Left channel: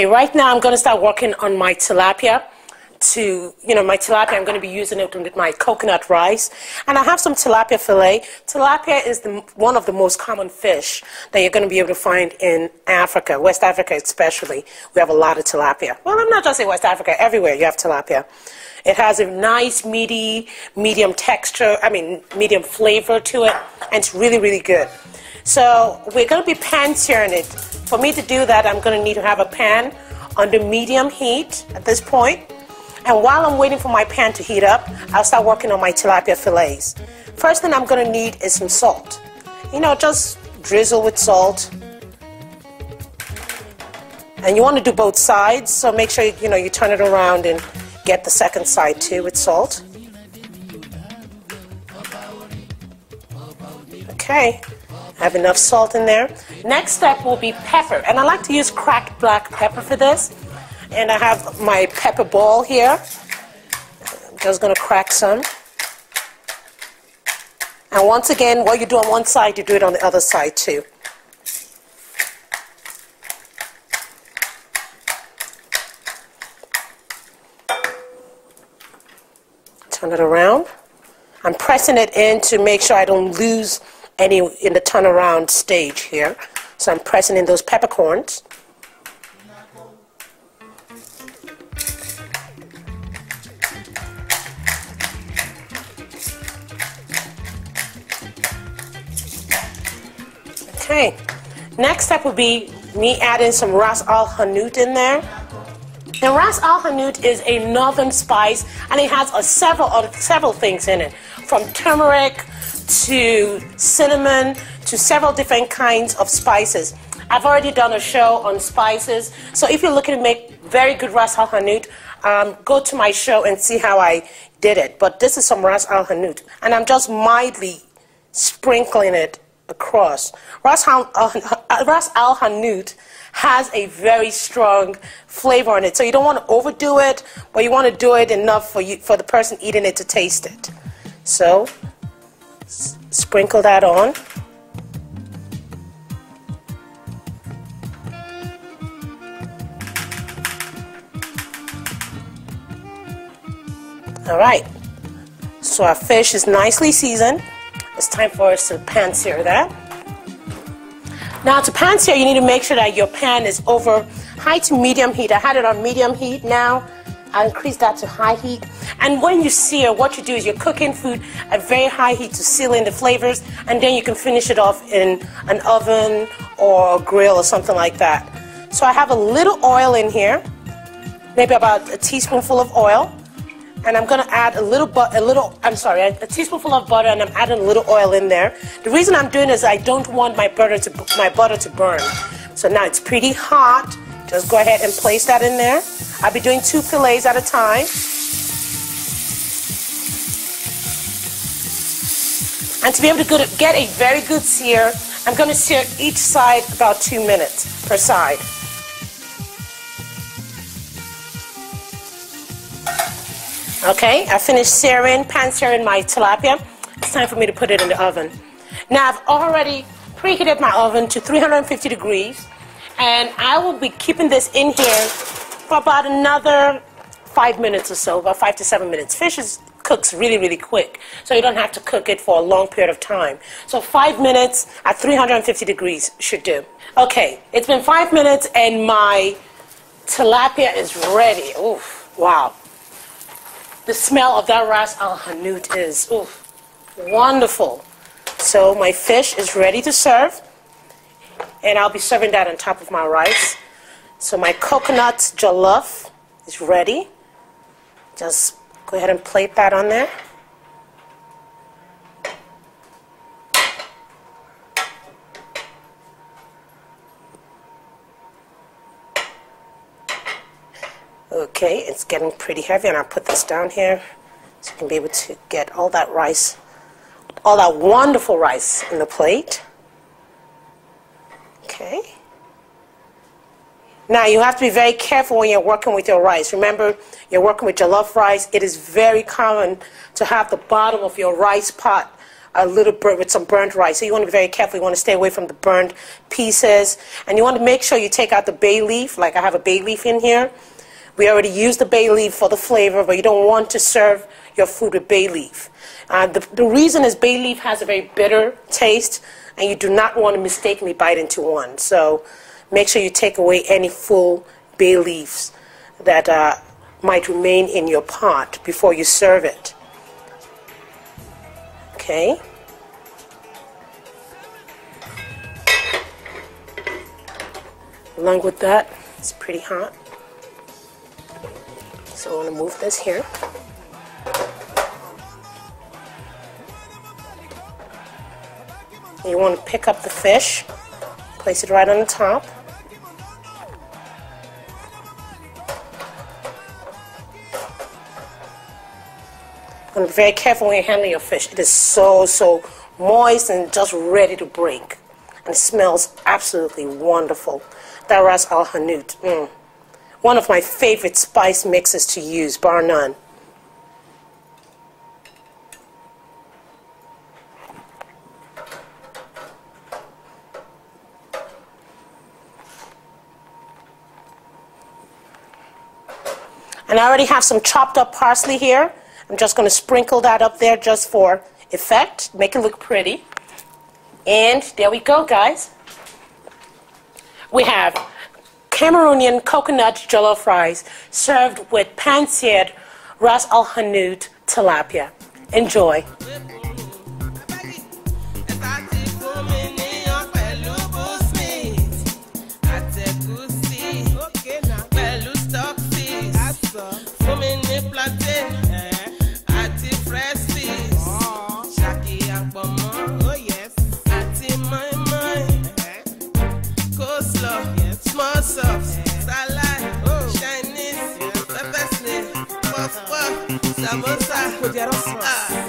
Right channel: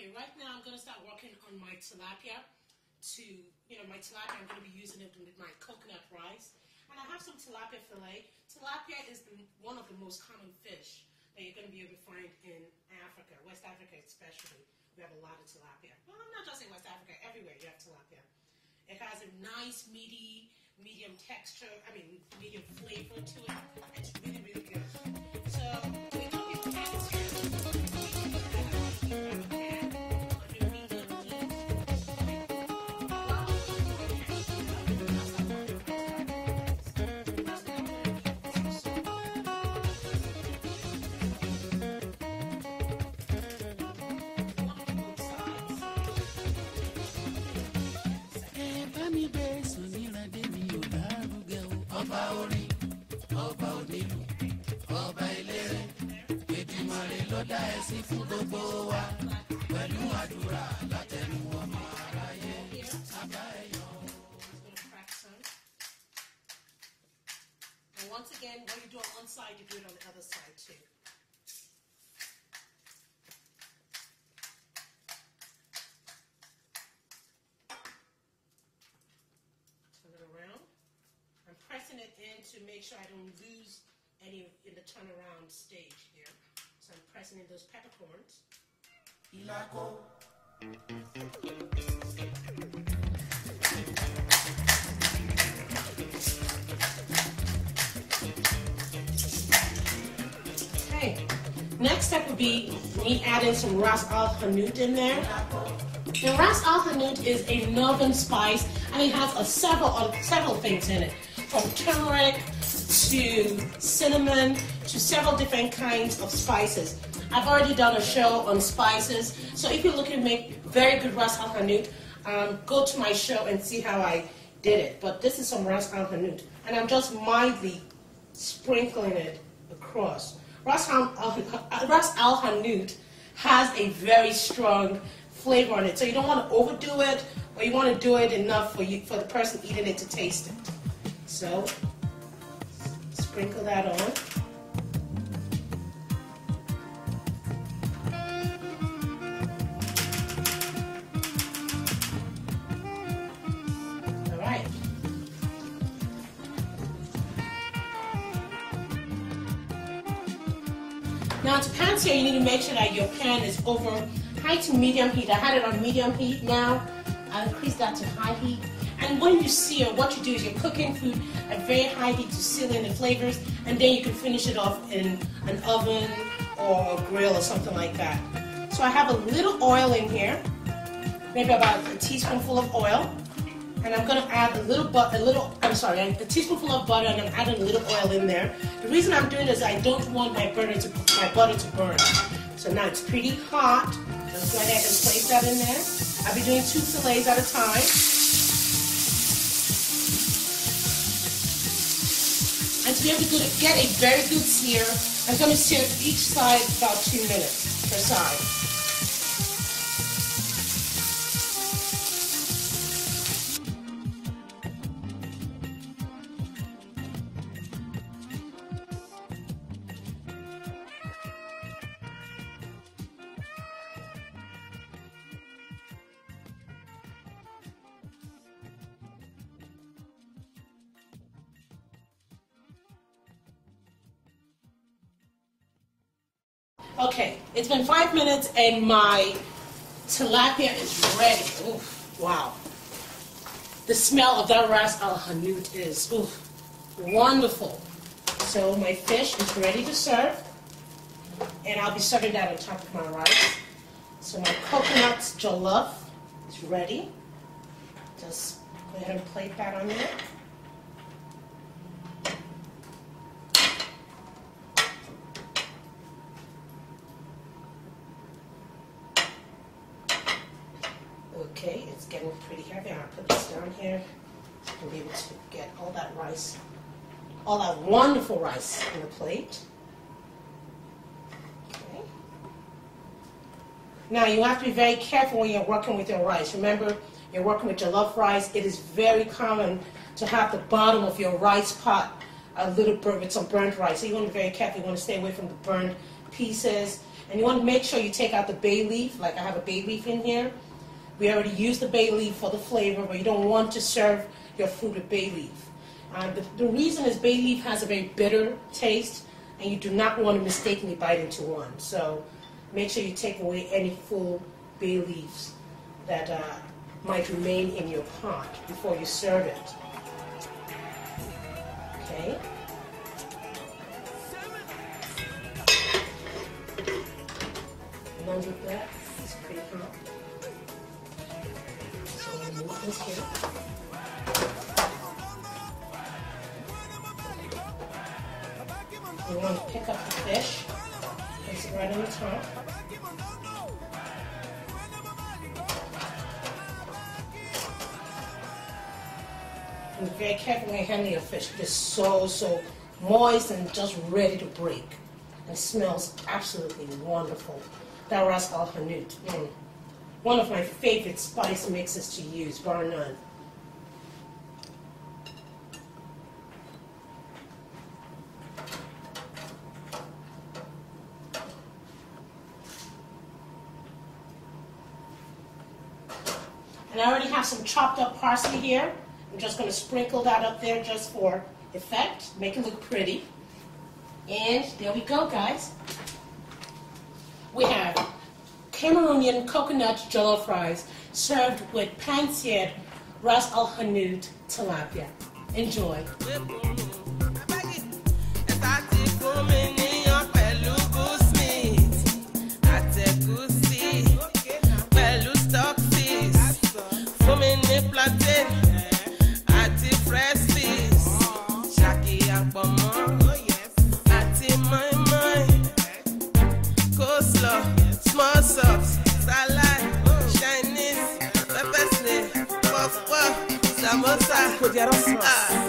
Okay, right now I'm going to start working on my tilapia. My tilapia, I'm going to be using it with my coconut rice. And I have some tilapia fillet. Tilapia is one of the most common fish that you're going to be able to find in Africa, West Africa especially. We have a lot of tilapia. Well, I'm not just saying West Africa, everywhere you have tilapia. It has a nice, meaty, medium flavor to it, and it's really, really good. So we're going to be pan-searing it. For me to do that, I'm going to need to have a pan under medium heat at this point. And while I'm waiting for my pan to heat up, I'll start working on my tilapia fillets. First thing I'm going to need is some salt. Just drizzle with salt. And you want to do both sides, so make sure you turn it around and get the second side too with salt. Okay, I have enough salt in there. Next step will be pepper, and I like to use cracked black pepper for this. And I have my pepper ball here. I'm just going to crack some. And once again, what you do on one side, you do it on the other side too. Turn it around. I'm pressing it in to make sure I don't lose any in the turnaround stage here. So I'm pressing in those peppercorns. Okay, next step would be me adding some ras al hanout in there. And ras al hanout is a northern spice, and it has several things in it, from turmeric to cinnamon to several different kinds of spices. I've already done a show on spices, so if you're looking to make very good ras al hanout, go to my show and see how I did it. But this is some ras al hanout, and I'm just mildly sprinkling it across. Ras al hanout has a very strong flavor in it, so you don't want to overdo it, but you want to do it enough for the person eating it to taste it. So sprinkle that on. All right, so our fish is nicely seasoned. It's time for us to pan sear that. Now to pan sear, you need to make sure that your pan is over high to medium heat. I had it on medium heat. Now I increase that to high heat. And when you sear, what you do is you're cooking food at very high heat to seal in the flavors, and then you can finish it off in an oven or a grill or something like that. So I have a little oil in here, maybe about a teaspoonful of oil. And I'm going to add a teaspoonful of butter, and I'm adding a little oil in there. The reason I'm doing this is I don't want my butter to burn. So now it's pretty hot. Just go ahead and place that in there. I'll be doing 2 fillets at a time. And to be able to get a very good sear, I'm going to sear each side about 2 minutes per side. Okay, I finished pan searing my tilapia. It's time for me to put it in the oven. Now I've already preheated my oven to 350 degrees, and I will be keeping this in here for about another 5 minutes or so, about 5 to 7 minutes. Fish cooks really, really quick, so you don't have to cook it for a long period of time. So 5 minutes at 350 degrees should do. Okay, it's been 5 minutes and my tilapia is ready. Oof, wow. The smell of that ras al hanout is wonderful. So my fish is ready to serve, and I'll be serving that on top of my rice. So my coconut jollof is ready. Just go ahead and plate that on there. Okay, it's getting pretty heavy, and I'll put this down here so you can be able to get all that rice, all that wonderful rice in the plate. Okay. Now you have to be very careful when you're working with your rice. Remember, you're working with jollof rice. It is very common to have the bottom of your rice pot a little burnt with some burnt rice. So you want to be very careful. You want to stay away from the burnt pieces. And you want to make sure you take out the bay leaf. Like I have a bay leaf in here. We already used the bay leaf for the flavor, but you don't want to serve your food with bay leaf. The reason is bay leaf has a very bitter taste, and you do not want to mistakenly bite into one. So make sure you take away any full bay leaves that might remain in your pot before you serve it. Okay. Along with that, it's pretty hot. So I want to move this here. You want to pick up the fish, place it right on the top. And be very careful when you're handling your fish. It is so moist and just ready to break. And it smells absolutely wonderful. That Ras Al Hanout. One of my favorite spice mixes to use, bar none. And I already have some chopped up parsley here. I'm just going to sprinkle that up there just for effect, make it look pretty. And there we go, guys. We have Cameroonian coconut jollof rice served with pan-seared Ras Al Hanout tilapia. Enjoy. Small sauce, salad, Chinese, pepper snail, puff puff, samosa.